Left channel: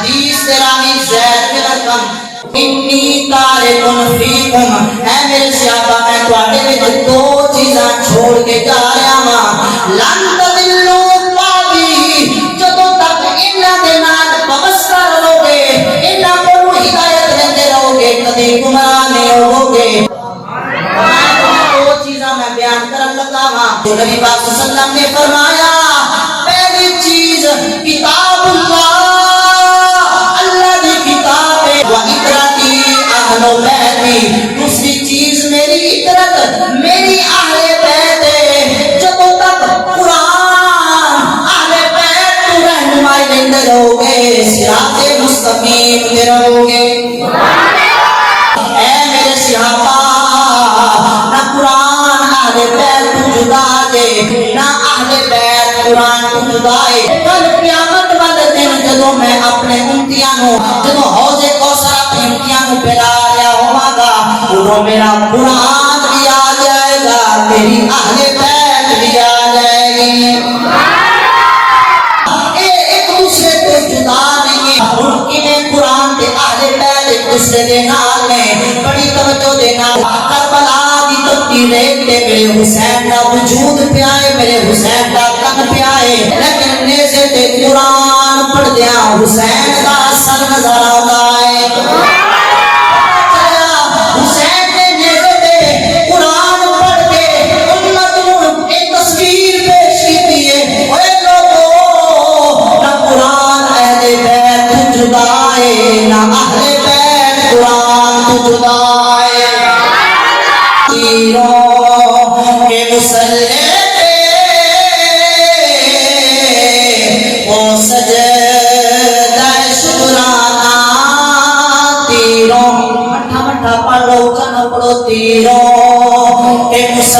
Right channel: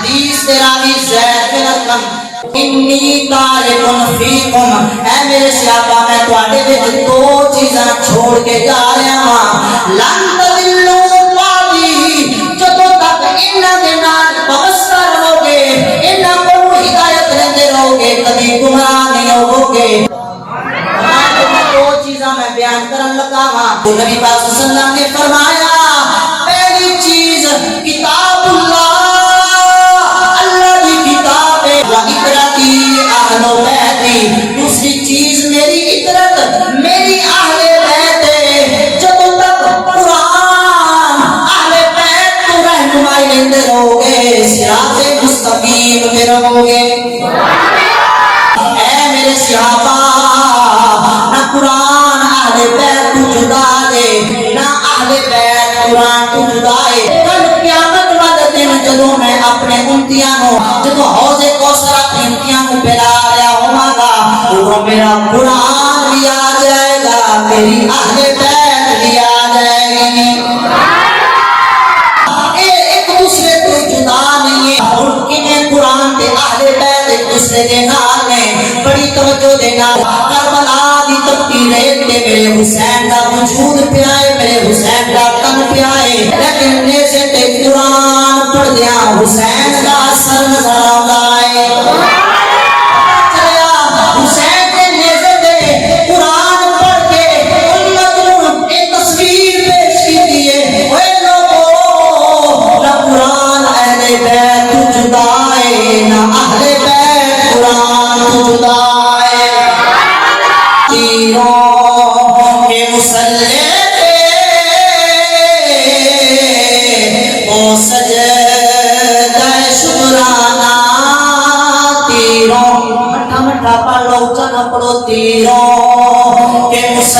حدیث راوی زید بن ارقم انی تارکن فیکم اے میرے صحابہ میں تواڈے وچ دو چیزاں چھوڑ کے جا رہا ہاں لن تضلوا بعدی جدوں تک انہاں دے نال وابستہ رہو گے انہاں کو ہدایت لیندے رہو گے کبھی گمراہ نہیں ہوو گے دو چیزاں میں بیان کرن لگا ہاں نبی پاک صلی اللہ علیہ وسلم نے فرمایا پہلی چیز کتاب اللہ دوسری چیز میری عطرت میری اہل بیت ہے جب تک قرآن اہل بیت تو رہنمائی لیندے رہو گے صراط مستقیم پہ رہو گے اے میرے صحابہ نہ قرآن اہل بیت تو جدا دے نہ اہل بیت قرآن تو جدا ہے کل قیامت والے دن جدوں میں اپنے امتیاں نو جدوں حوض کوثر اپنی امتیاں نو پلا رہا ہوں گا وہ میرا قرآن بھی آ جائے گا میری اہل بیت بھی آ جائے گی ایک دوسرے کو جدا نہیں ہے ممکن ہے قرآن کے اہل بیت ایک دوسرے کے نال میں بڑی توجہ دینا کربلا دی تبدیل ہے میرے حسین کا وجود پہ آئے میرے حسین کا تن پہ آئے لیکن نیزے تے قرآن پڑھ دیا حسین کا سر نظر آتا ہے تیروں کے مسلح